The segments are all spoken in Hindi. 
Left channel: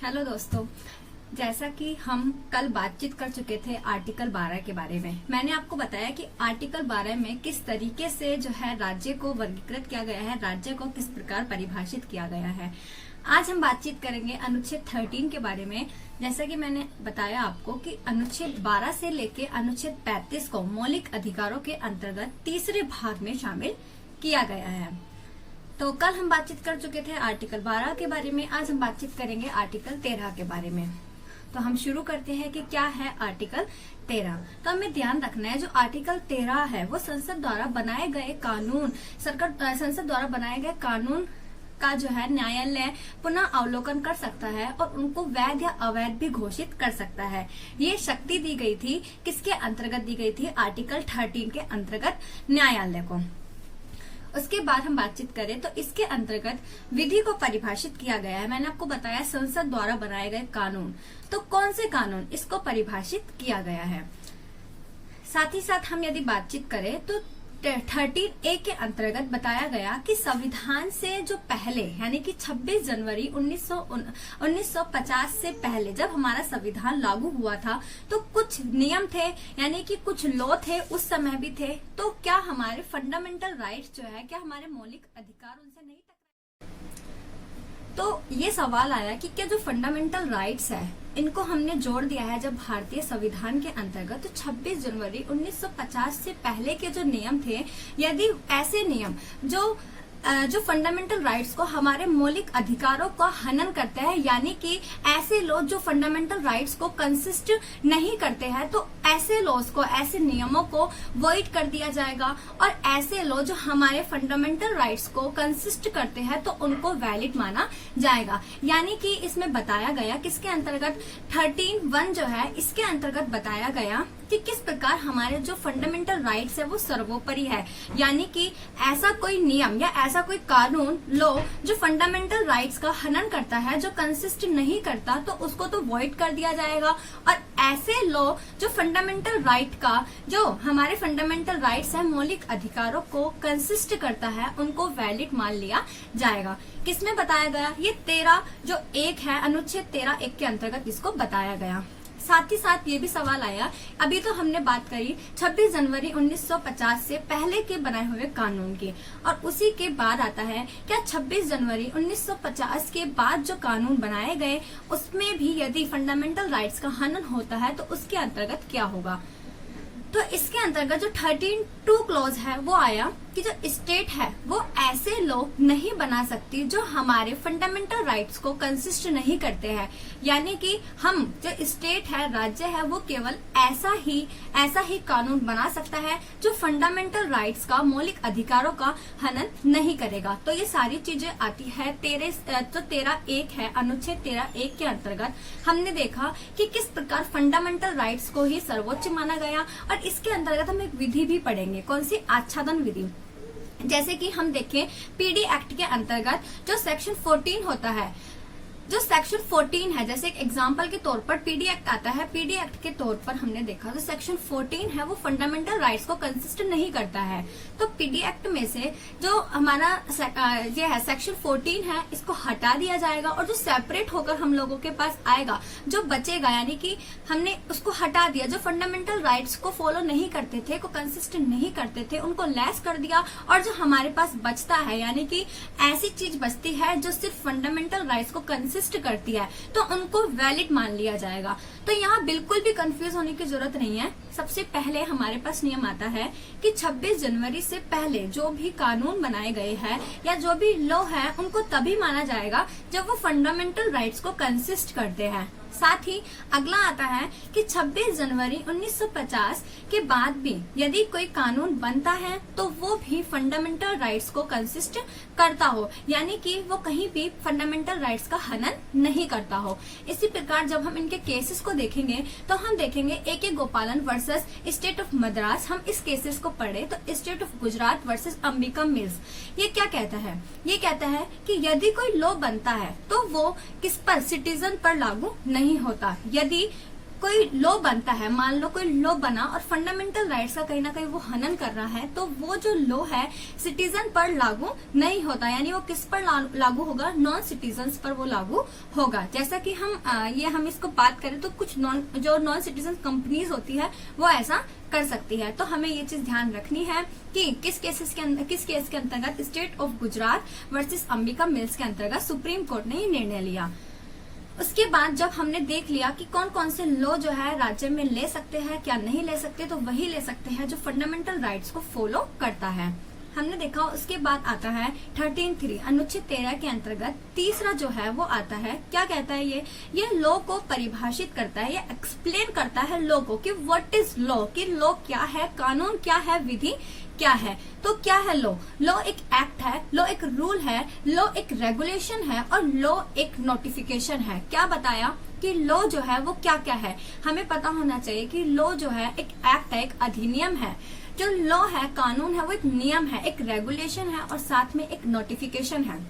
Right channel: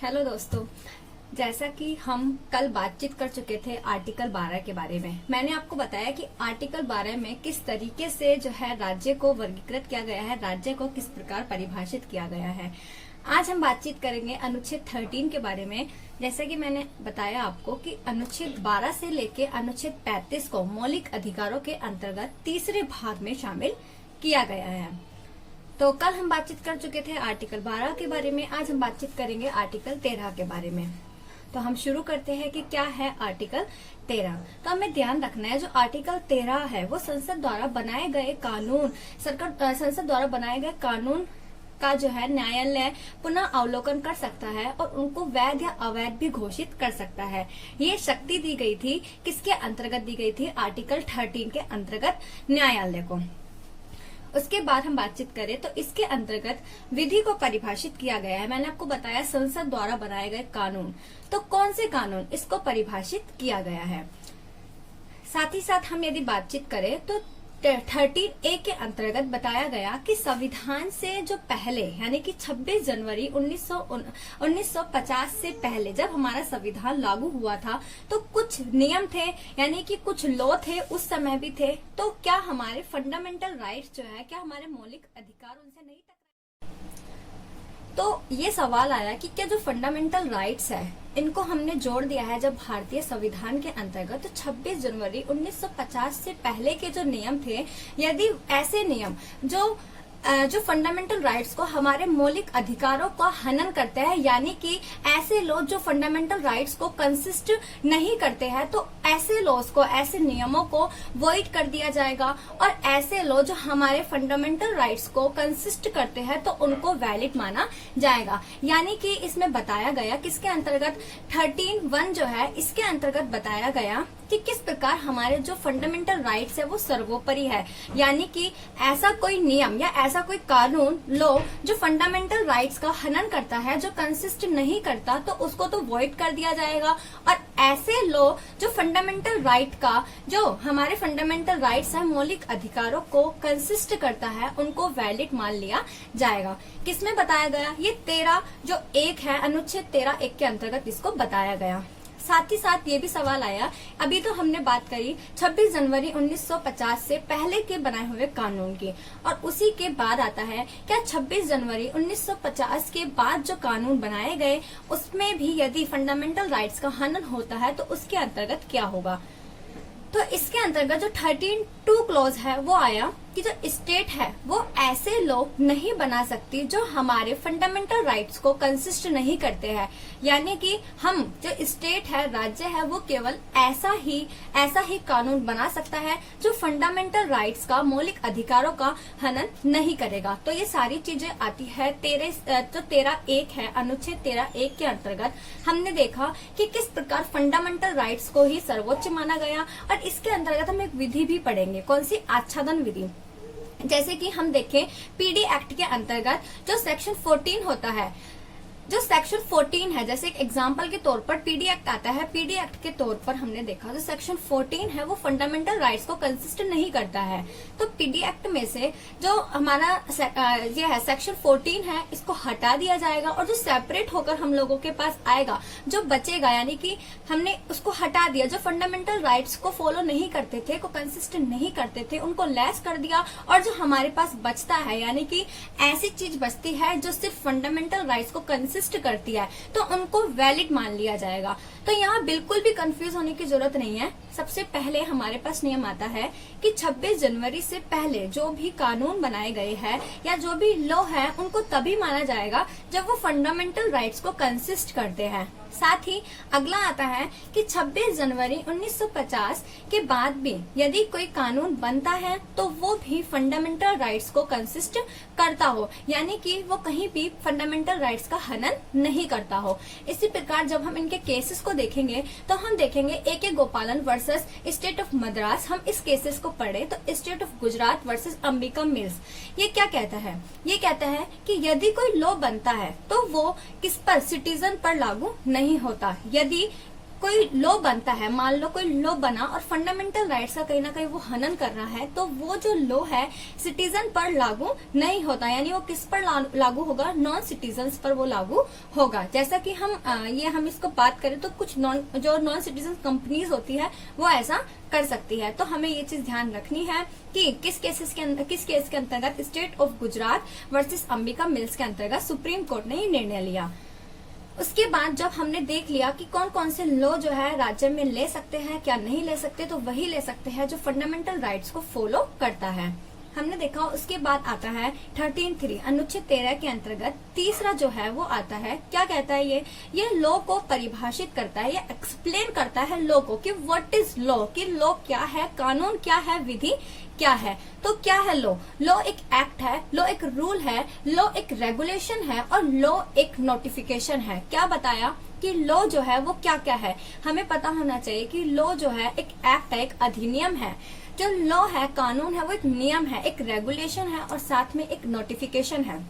हेलो दोस्तों, जैसा कि हम कल बातचीत कर चुके थे आर्टिकल 12 के बारे में। मैंने आपको बताया कि आर्टिकल 12 में किस तरीके से जो है राज्य को वर्गीकृत किया गया है, राज्य को किस प्रकार परिभाषित किया गया है। आज हम बातचीत करेंगे अनुच्छेद 13 के बारे में। जैसा कि मैंने बताया आपको कि अनुच्छेद 12 से लेके अनुच्छेद 35 को मौलिक अधिकारों के अंतर्गत तीसरे भाग में शामिल किया गया है। तो कल हम बातचीत कर चुके थे आर्टिकल 12 के बारे में। आज हम बातचीत करेंगे आर्टिकल 13 के बारे में। तो हम शुरू करते हैं कि क्या है आर्टिकल 13। तो हमें ध्यान रखना है, जो आर्टिकल 13 है वो संसद द्वारा बनाए गए कानून, संसद द्वारा बनाए गए कानून का जो है न्यायालय पुनः अवलोकन कर सकता है और उनको वैध या अवैध भी घोषित कर सकता है। ये शक्ति दी गई थी, किसके अंतर्गत दी गई थी? आर्टिकल 13 के अंतर्गत न्यायालय को। उसके बाद हम बातचीत करें तो इसके अंतर्गत विधि को परिभाषित किया गया है। मैंने आपको बताया संसद द्वारा बनाए गए कानून, तो कौन से कानून इसको परिभाषित किया गया है। साथ ही साथ हम यदि बातचीत करें तो 13A के अंतर्गत बताया गया कि संविधान से जो पहले यानी कि 26 जनवरी 1950 से पहले जब हमारा संविधान लागू हुआ था तो कुछ नियम थे, यानी कि कुछ लॉ थे, उस समय भी थे। तो क्या हमारे फंडामेंटल राइट्स जो है, क्या हमारे मौलिक अधिकार उनसे नहीं टकराए? तो ये सवाल आया कि क्या जो फंडामेंटल राइट्स है इनको हमने जोड़ दिया है जब भारतीय संविधान के अंतर्गत। तो 26 जनवरी 1950 से पहले के जो नियम थे, यदि ऐसे नियम जो फंडामेंटल राइट्स को, हमारे मौलिक अधिकारों का हनन करते हैं, यानी कि ऐसे लॉ जो फंडामेंटल राइट्स को कंसिस्ट नहीं करते हैं, तो ऐसे लॉज को, ऐसे नियमों को वॉइड कर दिया जाएगा। और ऐसे लॉ जो हमारे फंडामेंटल राइट्स को कंसिस्ट करते हैं तो उनको वैलिड माना जाएगा। यानी कि इसमें बताया गया किसके अंतर्गत, 13(1) जो है इसके अंतर्गत बताया गया कि किस प्रकार हमारे जो फंडामेंटल राइट्स है वो सर्वोपरि है। यानी कि ऐसा कोई नियम या ऐसा कोई कानून, लॉ जो फंडामेंटल राइट्स का हनन करता है, जो कंसिस्ट नहीं करता, तो उसको तो वॉइड कर दिया जाएगा। और ऐसे लॉ जो फंडामेंटल राइट का, जो हमारे फंडामेंटल राइट्स है, मौलिक अधिकारों को कंसिस्ट करता है, उनको वैलिड मान लिया जाएगा। किसमें बताया गया? ये 13 जो 1 है, अनुच्छेद 13(1) के अंतर्गत इसको बताया गया। साथ ही साथ ये भी सवाल आया, अभी तो हमने बात करी 26 जनवरी 1950 से पहले के बनाए हुए कानून की, और उसी के बाद आता है क्या 26 जनवरी 1950 के बाद जो कानून बनाए गए उसमें भी यदि फंडामेंटल राइट्स का हनन होता है तो उसके अंतर्गत क्या होगा। तो इसके अंतर्गत जो 13(2) क्लॉज है वो आया कि जो स्टेट है वो ऐसे लॉ नहीं बना सकती जो हमारे फंडामेंटल राइट्स को कंसिस्ट नहीं करते हैं। यानी कि हम जो स्टेट है, राज्य है, वो केवल ऐसा ही कानून बना सकता है जो फंडामेंटल राइट्स का, मौलिक अधिकारों का हनन नहीं करेगा। तो ये सारी चीजें आती है 13(1) है, अनुच्छेद 13(1) के अंतर्गत। हमने देखा कि किस प्रकार फंडामेंटल राइट्स को ही सर्वोच्च माना गया। और इसके अंतर्गत हम एक विधि भी पढ़ेंगे, कौन सी? आच्छादन विधि। जैसे कि हम देखें पीडी एक्ट के अंतर्गत जो सेक्शन 14 होता है, जो सेक्शन 14 है, जैसे एक एग्जांपल के तौर पर पीडी एक्ट आता है। पीडी एक्ट के तौर पर हमने देखा जो सेक्शन 14 है वो फंडामेंटल राइट्स को कंसिस्ट नहीं करता है। तो पीडी एक्ट में से जो हमारा ये है सेक्शन 14 है, इसको हटा दिया जाएगा और जो सेपरेट होकर हम लोगों के पास आएगा, जो बचेगा, यानी कि हमने उसको हटा दिया, जो फंडामेंटल राइट्स को फॉलो नहीं करते थे, को कंसिस्ट नहीं करते थे, उनको लेस कर दिया। और जो हमारे पास बचता है, यानी कि ऐसी चीज बचती है जो सिर्फ फंडामेंटल राइट्स को कंसिस्ट करती है, तो उनको वैलिड मान लिया जाएगा। तो यहाँ बिल्कुल भी कंफ्यूज होने की जरूरत नहीं है। सबसे पहले हमारे पास नियम आता है कि 26 जनवरी से पहले जो भी कानून बनाए गए हैं या जो भी लॉ है उनको तभी माना जाएगा जब वो फंडामेंटल राइट्स को कंसिस्ट करते हैं। साथ ही अगला आता है कि 26 जनवरी 1950 के बाद भी यदि कोई कानून बनता है तो वो भी फंडामेंटल राइट्स को कंसिस्ट करता हो, यानी कि वो कहीं भी फंडामेंटल राइट्स का हनन नहीं करता हो। इसी प्रकार जब हम इनके केसेस को देखेंगे तो हम देखेंगे A.K. गोपालन वर्सेस स्टेट ऑफ मद्रास। हम इस केसेस को पढ़े तो state of Gujarat versus Ambika mills. ये क्या कहता है? ये कहता है कि यदि कोई लॉ बनता है तो वो किस पर, सिटीजन पर लागू नहीं होता। यदि कोई लॉ बनता है, मान लो कोई लॉ बना और फंडामेंटल राइट्स का कहीं ना कहीं वो हनन कर रहा है, तो वो जो लॉ है सिटीजन पर लागू नहीं होता, यानी वो किस पर लागू होगा, नॉन सिटीजन पर वो लागू होगा। जैसा कि हम इसको बात करें तो कुछ जो नॉन सिटीजन कंपनीज होती है वो ऐसा कर सकती है। तो हमें ये चीज ध्यान रखनी है कि किस केस के अंतर्गत state of Gujarat versus Ambika mills के अंतर्गत सुप्रीम कोर्ट ने ये निर्णय लिया। उसके बाद जब हमने देख लिया कि कौन कौन से लॉ जो है राज्य में ले सकते हैं, क्या नहीं ले सकते, तो वही ले सकते हैं जो फंडामेंटल राइट्स को फॉलो करता है, हमने देखा। उसके बाद आता है 13(3) अनुच्छेद 13 के अंतर्गत तीसरा जो है वो आता है, क्या कहता है ये लॉ को परिभाषित करता है, ये एक्सप्लेन करता है लॉ को कि व्हाट इज लॉ, कि लॉ क्या है, कानून क्या है, विधि क्या है। तो क्या है लॉ? लॉ एक एक्ट है, लॉ एक रूल है, लॉ एक रेगुलेशन है और लॉ एक नोटिफिकेशन है। क्या बताया कि लॉ जो है वो क्या क्या है, हमें पता होना चाहिए कि लॉ जो है एक एक्ट है, एक अधिनियम है। जो लॉ है, कानून है, वो एक नियम है, एक रेगुलेशन है और साथ में एक नोटिफिकेशन है।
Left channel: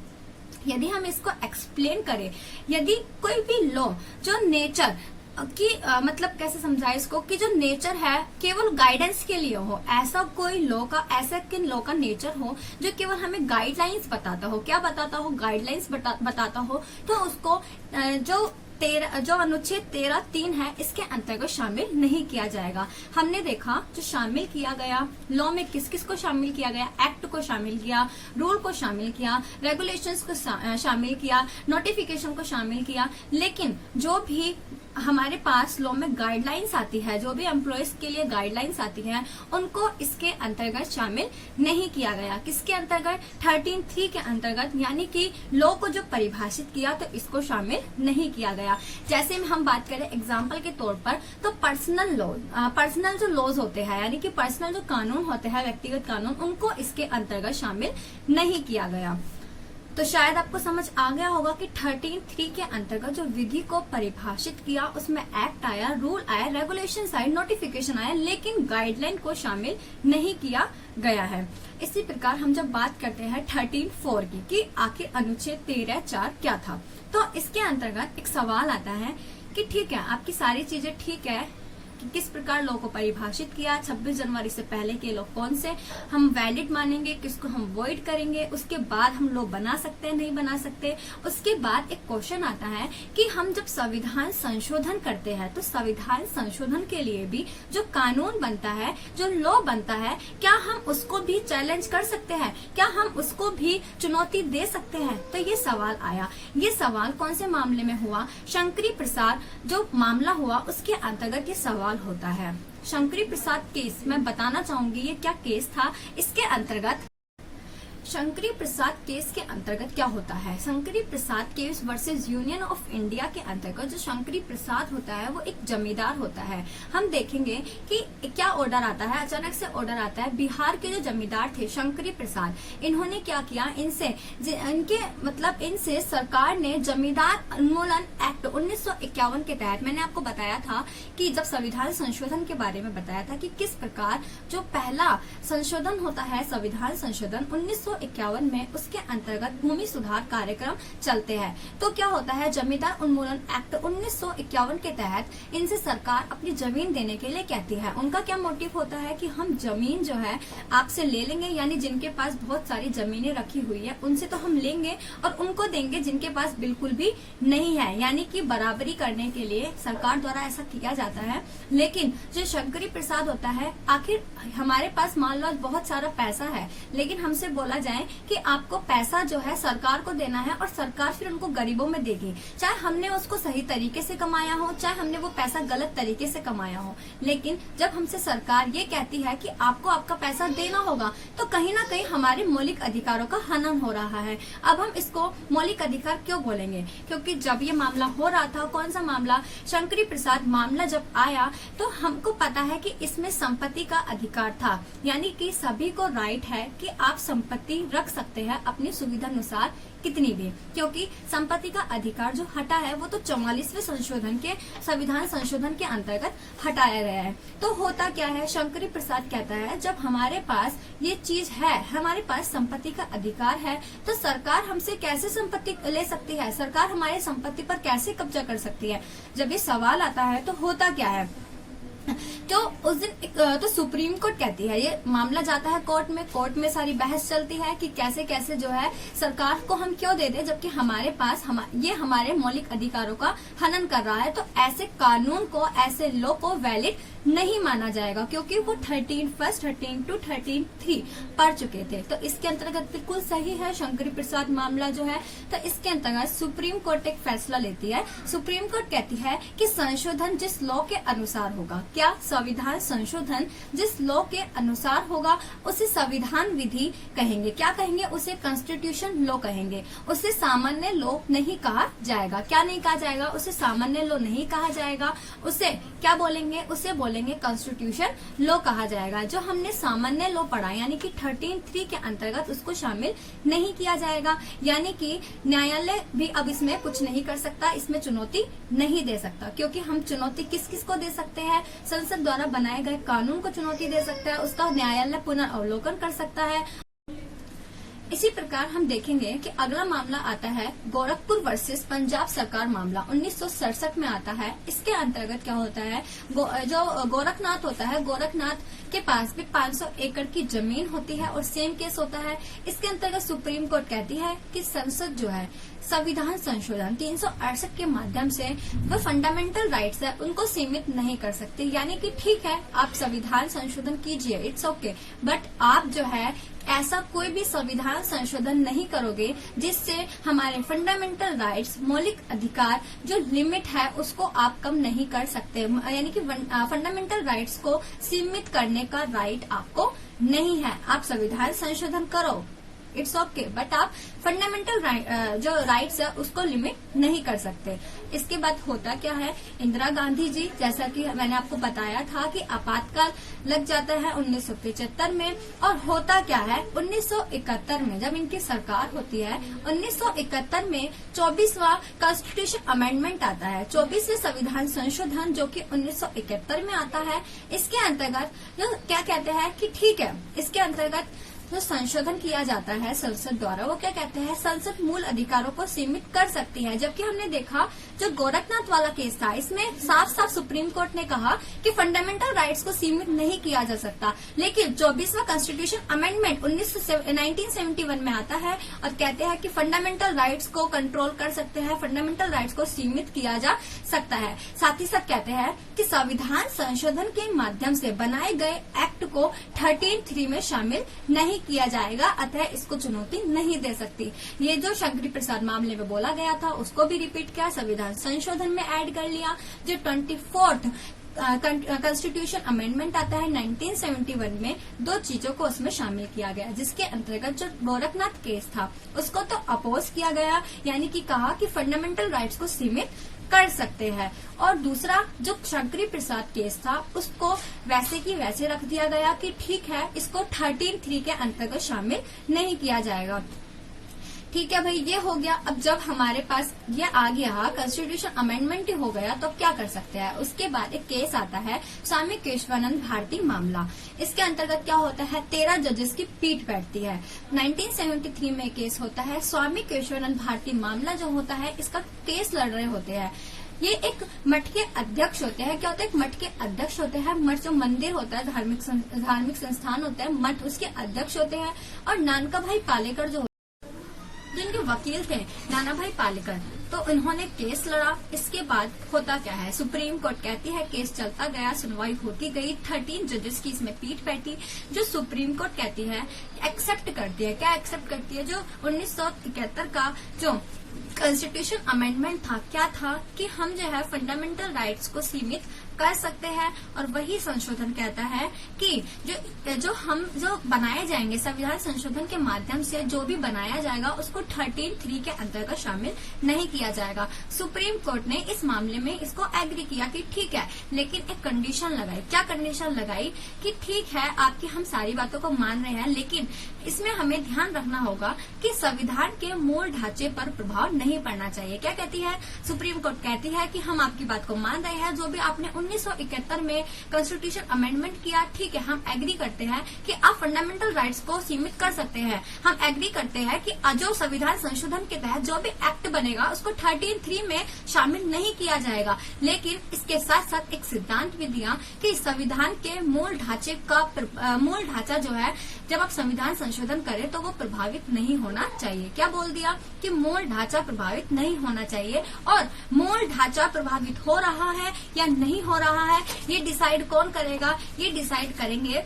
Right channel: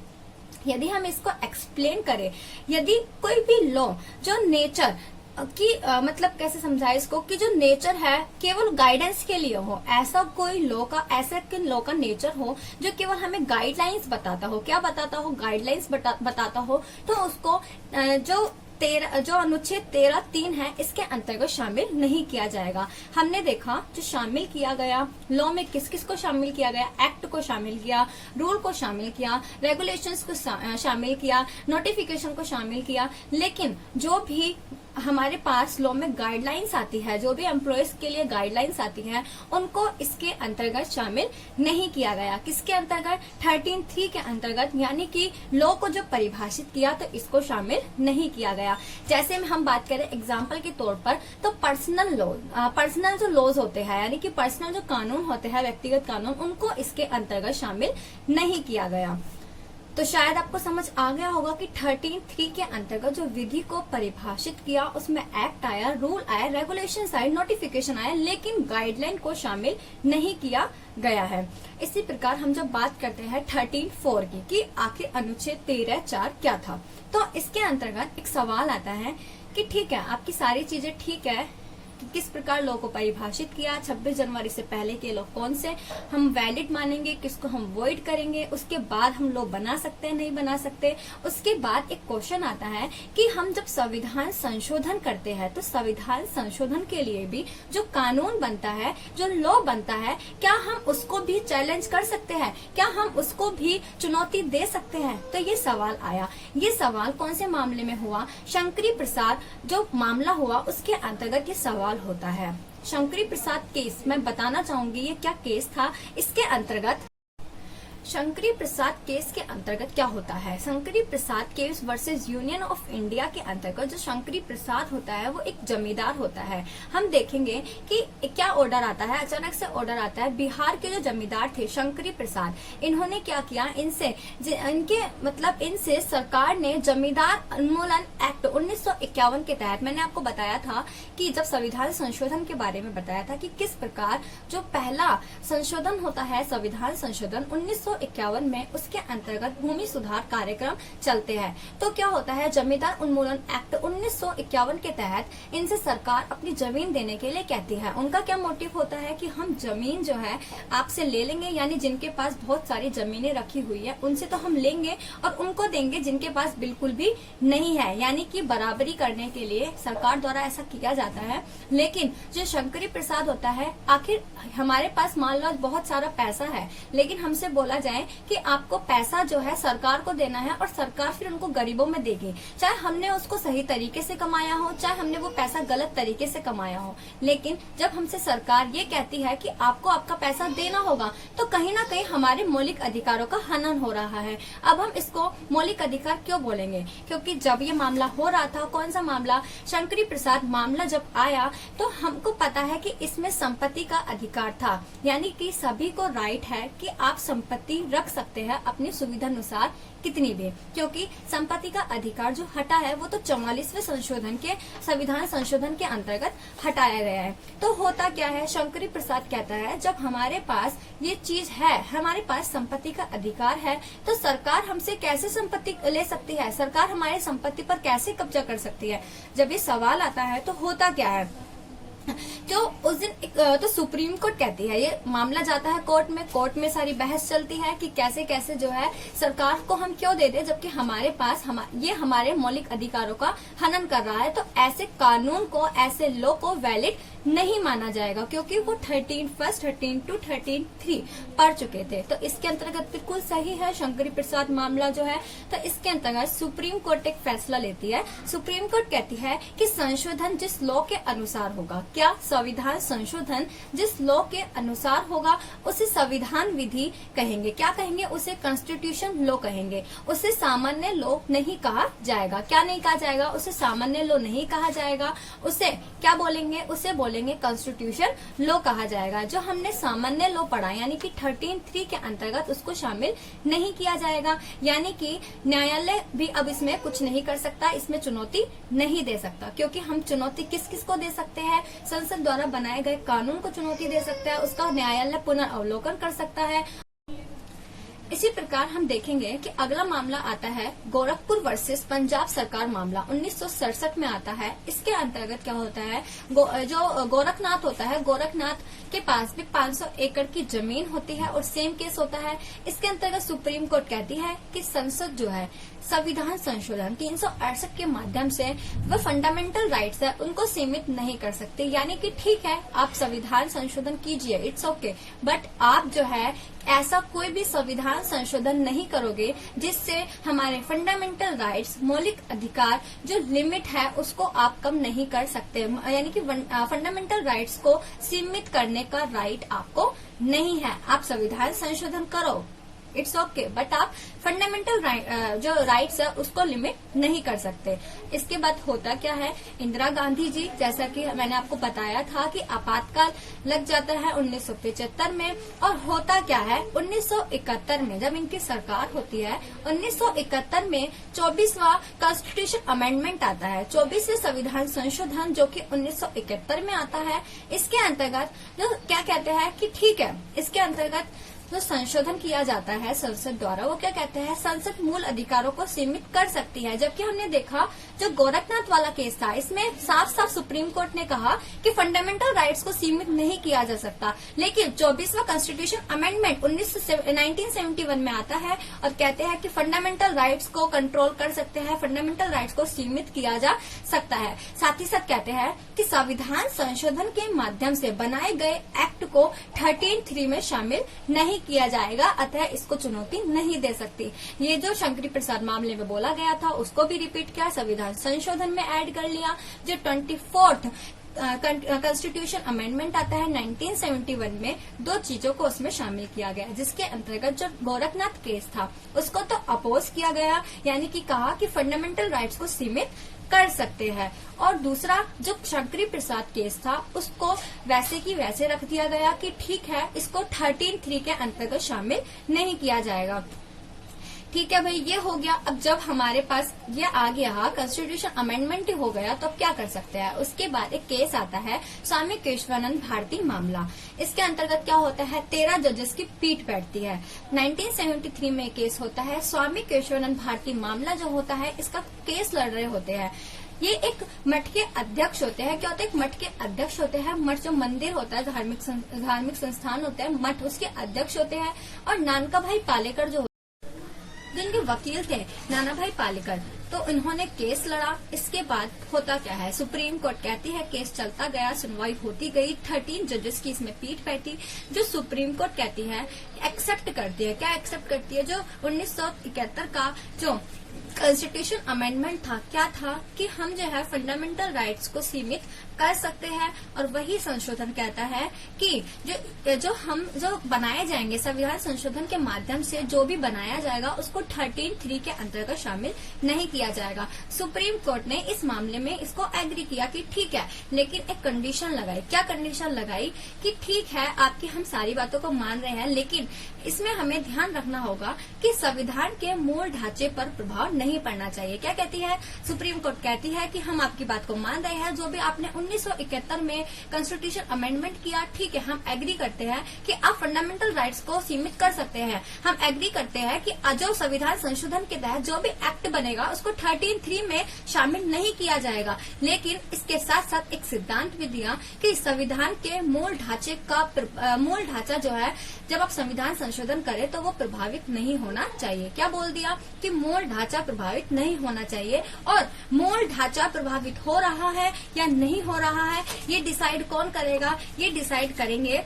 यदि हम इसको एक्सप्लेन करें, यदि कोई भी लॉ जो नेचर कि मतलब कैसे समझाए इसको, कि जो नेचर है केवल गाइडेंस के लिए हो, ऐसा कोई लॉ का नेचर हो जो केवल हमें गाइडलाइंस बताता हो, क्या बताता हो, गाइडलाइंस बताता हो, तो उसको जो अनुच्छेद 13(3) है इसके अंतर्गत शामिल नहीं किया जाएगा। हमने देखा जो शामिल किया गया लॉ में किस किस को शामिल किया गया, एक्ट को शामिल किया, रूल को शामिल किया, रेगुलेशंस को शामिल किया, नोटिफिकेशन को शामिल किया। लेकिन जो भी हमारे पास लॉ में गाइडलाइंस आती है, जो भी एम्प्लॉयज के लिए गाइडलाइंस आती है, उनको इसके अंतर्गत शामिल नहीं किया गया। किसके अंतर्गत? 13(3) के अंतर्गत, यानी कि लॉ को जो परिभाषित किया तो इसको शामिल नहीं किया गया। जैसे हम बात करें एग्जाम्पल के तौर पर, तो पर्सनल जो लॉज होते हैं, यानी कि पर्सनल जो कानून होते हैं, व्यक्तिगत कानून, उनको इसके अंतर्गत शामिल नहीं किया गया। तो शायद आपको समझ आ गया होगा कि 13(3) के अंतर्गत जो विधि को परिभाषित किया उसमें एक्ट आया, रूल आया, रेगुलेशंस आए, नोटिफिकेशन आया, लेकिन गाइडलाइन को शामिल नहीं किया गया है। इसी प्रकार हम जब बात करते हैं 13(4) की कि आखिर अनुच्छेद 13(4) क्या था, तो इसके अंतर्गत एक सवाल आता है कि ठीक है, आपकी सारी चीजें ठीक है कि किस प्रकार लॉ को परिभाषित किया, 26 जनवरी से पहले के लॉ कौन से हम वैलिड मानेंगे, किसको हम वॉइड करेंगे, उसके बाद हम लॉ बना सकते हैं, नहीं बना सकते। उसके बाद एक क्वेश्चन आता है कि हम जब संविधान संशोधन करते हैं तो संविधान संशोधन के लिए भी जो कानून बनता है, जो लॉ बनता है, क्या हम उसको भी चैलेंज कर सकते हैं, क्या हम उसको भी चुनौती दे सकते हैं? तो ये सवाल आया। ये सवाल कौन से मामले में हुआ? शंकरी प्रसाद जो मामला हुआ उसके अंतर्गत ये सवाल होता है। शंकरी प्रसाद केस मैं बताना चाहूंगी ये क्या केस था। इसके अंतर्गत शंकरी प्रसाद केस के अंतर्गत क्या होता है? Shankari Prasad case versus union of India के अंतर्गत जो शंकरी प्रसाद होता है वो एक जमींदार होता है। हम देखेंगे कि क्या ऑर्डर आता है, अचानक से ऑर्डर आता है। बिहार के जो जमींदार थे शंकरी प्रसाद, इन्होंने क्या किया, इनसे सरकार ने जमींदार उन्मूलन एक्ट 1951 के तहत, मैंने आपको बताया था कि जब संविधान संशोधन के बारे में बताया था कि किस प्रकार जो पहला संशोधन होता है संविधान संशोधन 1951 में, उसके अंतर्गत भूमि सुधार कार्यक्रम चलते हैं। तो क्या होता है, जमींदार उन्मूलन एक्ट 1951 के तहत इनसे सरकार अपनी जमीन देने के लिए कहती है। उनका क्या मोटिव होता है कि हम जमीन जो है आपसे ले लेंगे, यानी जिनके पास बहुत सारी जमीनें रखी हुई है उनसे तो हम लेंगे और उनको देंगे जिनके पास बिल्कुल भी नहीं है, यानी कि बराबरी करने के लिए सरकार द्वारा ऐसा किया जाता है। लेकिन जो शंकरी प्रसाद होता है, आखिर हमारे पास मान लो बहुत सारा पैसा है, लेकिन हमसे बोला जाए कि आपको पैसा जो है सरकार को देना है और सरकार फिर उनको गरीबों में देगी, चाहे हमने उसको सही तरीके से कमाया हो, चाहे हमने वो पैसा गलत तरीके से कमाया हो। लेकिन जब हमसे सरकार ये कहती है कि आपको आपका पैसा देना होगा, तो कहीं ना कहीं हमारे मौलिक अधिकारों का हनन हो रहा है। अब हम इसको मौलिक अधिकार क्यों बोलेंगे? क्योंकि जब ये मामला हो रहा था, कौन सा मामला, शंकरी प्रसाद मामला जब आया, तो हमको पता है कि इसमें संपत्ति का अधिकार था, यानी कि सभी को राइट है कि आप संपत्ति संपत्ति रख सकते हैं अपनी सुविधा अनुसार कितनी भी, क्योंकि संपत्ति का अधिकार जो हटा है वो तो 44वें संशोधन के संविधान संशोधन के अंतर्गत हटाया गया है। तो होता क्या है, शंकरी प्रसाद कहता है जब हमारे पास ये चीज है, हमारे पास संपत्ति का अधिकार है, तो सरकार हमसे कैसे संपत्ति ले सकती है, सरकार हमारी संपत्ति पर कैसे कब्जा कर सकती है। जब ये सवाल आता है तो होता क्या है, तो उस दिन तो सुप्रीम कोर्ट कहती है, ये मामला जाता है कोर्ट में सारी बहस चलती है कि कैसे कैसे जो है सरकार को हम क्यों दे दे, जबकि हमारे पास ये हमारे मौलिक अधिकारों का हनन कर रहा है। तो ऐसे कानून को, ऐसे लॉ को वैलिड नहीं माना जाएगा, क्योंकि वो 13(1) 13(2) पढ़ चुके थे। तो इसके अंतर्गत बिल्कुल सही है शंकरी प्रसाद मामला जो है। तो इसके अंतर्गत सुप्रीम कोर्ट एक फैसला लेती है। सुप्रीम कोर्ट कहती है कि संशोधन जिस लॉ के अनुसार होगा, क्या संविधान संशोधन जिस लॉ के अनुसार होगा उसे संविधान विधि कहेंगे। क्या कहेंगे, उसे कॉन्स्टिट्यूशन लॉ कहेंगे। उसे सामान्य लॉ नहीं कहा जाएगा। क्या नहीं कहा जाएगा, उसे सामान्य लॉ नहीं कहा जाएगा। उसे क्या बोलेंगे, उसे बोलेंगे कॉन्स्टिट्यूशन लॉ कहा जाएगा। जो हमने सामान्य लॉ पढ़ा यानी कि 13(3) के अंतर्गत उसको शामिल नहीं किया जाएगा। यानी कि न्यायालय भी अब इसमें कुछ नहीं कर सकता, इसमें चुनौती नहीं दे सकता, क्योंकि हम चुनौती किस किस को दे सकते हैं, संसद द्वारा बनाए गए कानून को चुनौती दे सकता है, उसका न्यायालय पुनर्अवलोकन कर सकता है। इसी प्रकार हम देखेंगे कि अगला मामला आता है गोरखपुर वर्सेस पंजाब सरकार मामला 1967 में आता है। इसके अंतर्गत क्या होता है, जो गोरखनाथ होता है, गोरखनाथ के पास भी 500 एकड़ की जमीन होती है और सेम केस होता है। इसके अंतर्गत सुप्रीम कोर्ट कहती है कि संसद जो है संविधान संशोधन 368 के माध्यम से वो फंडामेंटल राइट्स है उनको सीमित नहीं कर सकते। यानी कि ठीक है, आप संविधान संशोधन कीजिए, इट्स ओके, बट आप जो है ऐसा कोई भी संविधान संशोधन नहीं करोगे जिससे हमारे फंडामेंटल राइट्स, मौलिक अधिकार जो लिमिट है उसको आप कम नहीं कर सकते। यानी कि फंडामेंटल राइट्स को सीमित करने का राइट आपको नहीं है। आप संविधान संशोधन करो, इट्स ओके, बट आप फंडामेंटल जो राइट्स है उसको लिमिट नहीं कर सकते। इसके बाद होता क्या है, इंदिरा गांधी जी, जैसा कि मैंने आपको बताया था कि आपातकाल लग जाता है 1975 में, और होता क्या है 1971 में जब इनकी सरकार होती है, 1971 में 24वां कॉन्स्टिट्यूशन अमेंडमेंट आता है, 24वें संविधान संशोधन जो कि 1971 में आता है। इसके अंतर्गत क्या कहते हैं कि ठीक है, इसके अंतर्गत जो संशोधन किया जाता है संसद द्वारा, वो क्या कहते हैं, संसद मूल अधिकारों को सीमित कर सकती है। जबकि हमने देखा जो गोरखनाथ वाला केस था, इसमें साफ साफ सुप्रीम कोर्ट ने कहा कि फंडामेंटल राइट्स को सीमित नहीं किया जा सकता। लेकिन 24वां कॉन्स्टिट्यूशन अमेंडमेंट 1971 में आता है और कहते हैं कि फंडामेंटल राइट्स को कंट्रोल कर सकते हैं, फंडामेंटल राइट्स को सीमित किया जा सकता है। साथ ही साथ कहते हैं कि संविधान संशोधन के माध्यम से बनाए गए एक्ट को 13(3) में शामिल नहीं किया जाएगा, अतः इसको चुनौती नहीं दे सकती। ये जो शंकरी प्रसाद मामले में बोला गया था उसको भी रिपीट किया, संविधान संशोधन में ऐड कर लिया। जो 24th कॉन्स्टिट्यूशन अमेंडमेंट आता है 1971 में, दो चीजों को उसमें शामिल किया गया, जिसके अंतर्गत जो गोरखनाथ केस था उसको तो अपोज किया गया, यानी कि कहा कि फंडामेंटल राइट्स को सीमित कर सकते हैं, और दूसरा जो शंकरी प्रसाद केस था उसको वैसे की वैसे रख दिया गया कि ठीक है, इसको 13(3) के अंतर्गत शामिल नहीं किया जाएगा। ठीक है भाई, ये हो गया। अब जब हमारे पास ये आ गया, कॉन्स्टिट्यूशन अमेंडमेंट ही हो गया, तो अब क्या कर सकते हैं। उसके बाद एक केस आता है स्वामी केशवानंद भारती मामला। इसके अंतर्गत क्या होता है, 13 जजेस की पीठ बैठती है। 1973 में केस होता है, स्वामी केशवानंद भारती मामला जो होता है, इसका केस लड़ रहे होते हैं। ये एक मठ के अध्यक्ष होते हैं। क्या होता है, एक मठ के अध्यक्ष होते हैं। मठ जो मंदिर होता है, धार्मिक संस्थान होता है, मठ उसके अध्यक्ष होते हैं। और नानका भाई पालेकर जो जिनके वकील थे नाना भाई पालेकर, तो उन्होंने केस लड़ा। इसके बाद होता क्या है, सुप्रीम कोर्ट कहती है, केस चलता गया, सुनवाई होती गई, 13 जजेस की इसमें पीठ बैठी। जो सुप्रीम कोर्ट कहती है, एक्सेप्ट करती है, क्या एक्सेप्ट करती है, जो 1971 का जो कॉन्स्टिट्यूशन अमेंडमेंट था, क्या था कि हम जो है फंडामेंटल राइट्स को सीमित कर सकते हैं। और वही संशोधन कहता है कि जो बनाए जाएंगे संविधान संशोधन के माध्यम से, जो भी बनाया जाएगा उसको 13(3) के अंतर्गत शामिल नहीं किया जाएगा। सुप्रीम कोर्ट ने इस मामले में इसको एग्री किया कि ठीक है, लेकिन एक कंडीशन लगाई। क्या कंडीशन लगाई कि ठीक है, आपकी हम सारी बातों को मान रहे हैं, लेकिन इसमें हमें ध्यान रखना होगा कि संविधान के मूल ढांचे पर प्रभाव नहीं पड़ना चाहिए। क्या कहती है सुप्रीम कोर्ट? कहती है कि हम आपकी बात को मान रहे हैं, जो भी आपने 1971 में कॉन्स्टिट्यूशन अमेंडमेंट किया, ठीक है, हम एग्री करते हैं कि आप फंडामेंटल राइट्स को सीमित कर सकते हैं। हम एग्री करते हैं कि जो संविधान संशोधन के तहत जो भी एक्ट बनेगा उसको 13(3) में शामिल नहीं किया जाएगा, लेकिन इसके साथ साथ एक सिद्धांत भी दिया कि संविधान के मूल ढांचे का मूल ढांचा जो है, जब आप संविधान संशोधन करें तो वो प्रभावित नहीं होना चाहिए। क्या बोल दिया कि मूल ढांचा प्रभावित नहीं होना चाहिए, और मूल ढांचा प्रभावित हो रहा है या नहीं हो रहा है ये डिसाइड कौन करेगा? ये डिसाइड करेंगे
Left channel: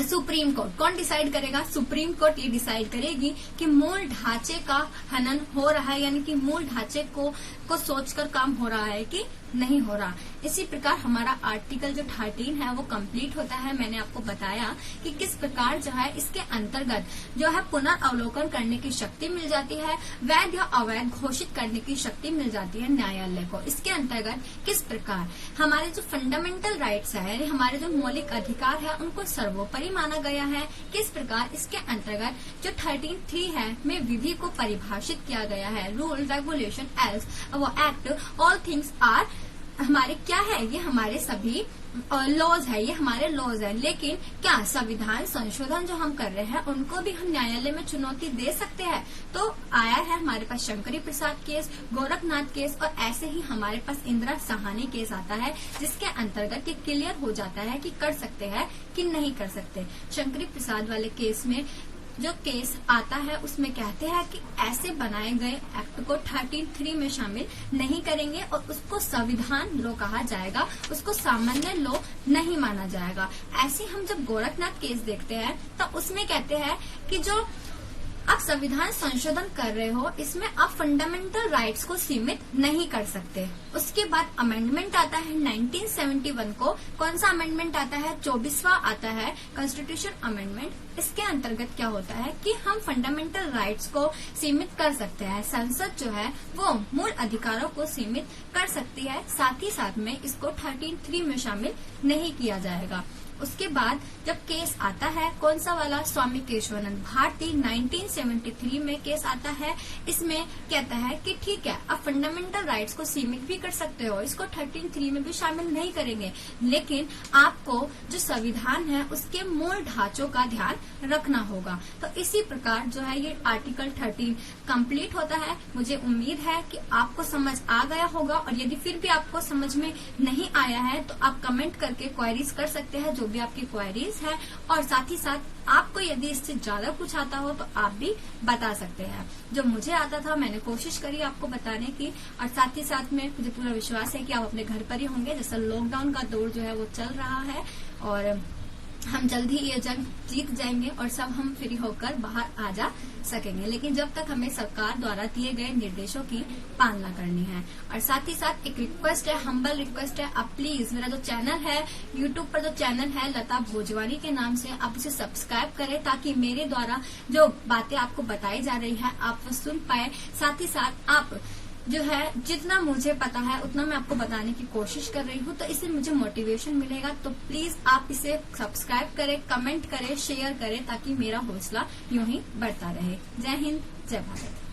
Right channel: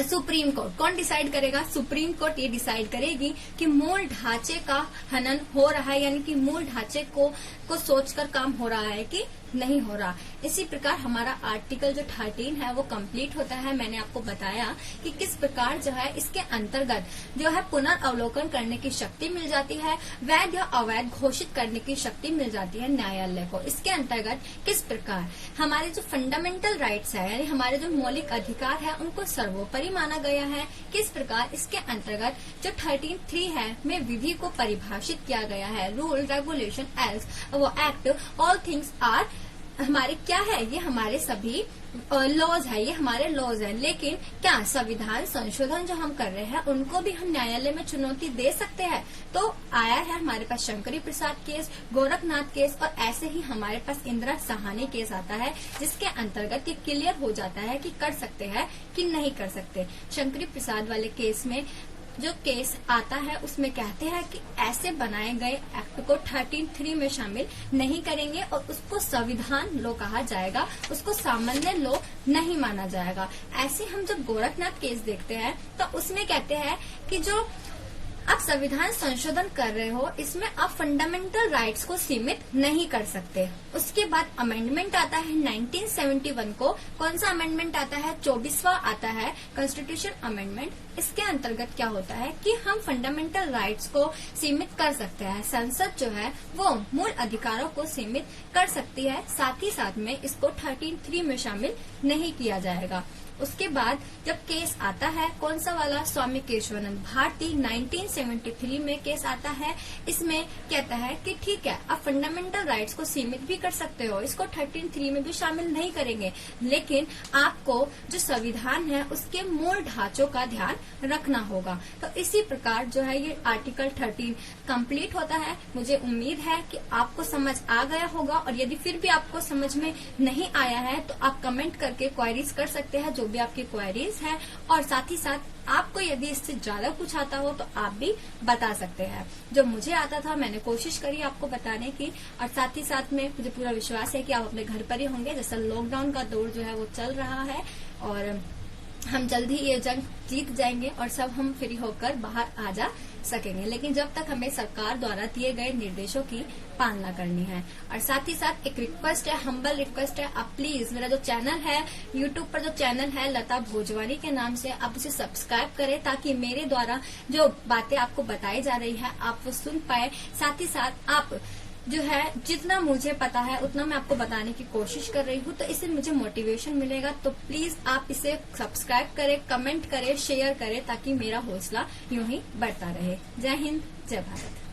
सुप्रीम कोर्ट। कौन डिसाइड करेगा? सुप्रीम कोर्ट ये डिसाइड करेगी कि मूल ढांचे का हनन हो रहा है, यानी कि मूल ढांचे को सोचकर काम हो रहा है कि नहीं हो रहा। इसी प्रकार हमारा आर्टिकल जो 13 है वो कंप्लीट होता है। मैंने आपको बताया कि किस प्रकार जो है इसके अंतर्गत जो है पुनर्अवलोकन करने की शक्ति मिल जाती है, वैध या अवैध घोषित करने की शक्ति मिल जाती है न्यायालय को। इसके अंतर्गत किस प्रकार हमारे जो फंडामेंटल राइट्स है, यानी हमारे जो मौलिक अधिकार है, उनको सर्वोपरि माना गया है। किस प्रकार इसके अंतर्गत जो 13(3) है में विधि को परिभाषित किया गया है। रूल, रेगुलेशन, एल्स, वो एक्ट, ऑल थिंग्स आर हमारे क्या है? ये हमारे सभी लॉज है, ये हमारे लॉज है। लेकिन क्या संविधान संशोधन जो हम कर रहे हैं उनको भी हम न्यायालय में चुनौती दे सकते हैं? तो आया है हमारे पास शंकरी प्रसाद केस, गोरखनाथ केस, और ऐसे ही हमारे पास इंदिरा साहनी केस आता है, जिसके अंतर्गत ये क्लियर हो जाता है कि कर सकते हैं कि नहीं कर सकते। शंकरी प्रसाद वाले केस में जो केस आता है उसमें कहते हैं कि ऐसे बनाए गए एक्ट को 13(3) में शामिल नहीं करेंगे और उसको संविधान लॉ कहा जाएगा, उसको सामान्य लॉ नहीं माना जाएगा। ऐसे हम जब गोरखनाथ केस देखते हैं तो उसमें कहते हैं कि जो आप संविधान संशोधन कर रहे हो इसमें आप फंडामेंटल राइट्स को सीमित नहीं कर सकते। उसके बाद अमेंडमेंट आता है 1971 को। कौन सा अमेंडमेंट आता है? 24वां आता है कॉन्स्टिट्यूशन अमेंडमेंट। इसके अंतर्गत क्या होता है कि हम फंडामेंटल राइट्स को सीमित कर सकते हैं। संसद जो है वो मूल अधिकारों को सीमित कर सकती है, साथ ही साथ में इसको 13(3) में शामिल नहीं किया जाएगा। उसके बाद जब केस आता है, कौन सा वाला? स्वामी केशवानंद भारती 1973 में केस आता है। इसमें कहता है कि ठीक है, आप फंडामेंटल राइट्स को सीमित भी कर सकते हो, इसको 13(3) में भी शामिल नहीं करेंगे, लेकिन आपको जो संविधान है उसके मूल ढांचों का ध्यान रखना होगा। तो इसी प्रकार जो है ये आर्टिकल 13 कंप्लीट होता है। मुझे उम्मीद है कि आपको समझ आ गया होगा, और यदि फिर भी आपको समझ में नहीं आया है तो आप कमेंट करके क्वेरीज कर सकते हैं, जो भी आपकी क्वेरीज है, और साथ ही साथ आपको यदि इससे ज्यादा कुछ आता हो तो आप भी बता सकते हैं। जो मुझे आता था मैंने कोशिश करी आपको बताने की, और साथ ही साथ में मुझे पूरा विश्वास है कि आप अपने घर पर ही होंगे। जैसा लॉकडाउन का दौर जो है वो चल रहा है, और हम जल्द ही ये जंग जीत जाएंगे और सब हम फ्री होकर बाहर आ जा सकेंगे। लेकिन जब तक हमें सरकार द्वारा दिए गए निर्देशों की पालना करनी है। और साथ ही साथ एक रिक्वेस्ट है, हम्बल रिक्वेस्ट है, आप प्लीज मेरा जो चैनल है यूट्यूब पर, जो चैनल है लता भोजवानी के नाम से, आप उसे सब्सक्राइब करें, ताकि मेरे द्वारा जो बातें आपको बताई जा रही है आप वो सुन पाए। साथ ही साथ आप जो है जितना मुझे पता है उतना मैं आपको बताने की कोशिश कर रही हूँ, तो इससे मुझे मोटिवेशन मिलेगा। तो प्लीज आप इसे सब्सक्राइब करें, कमेंट करें, शेयर करें, ताकि मेरा हौसला यूं ही बढ़ता रहे। जय हिंद, जय भारत।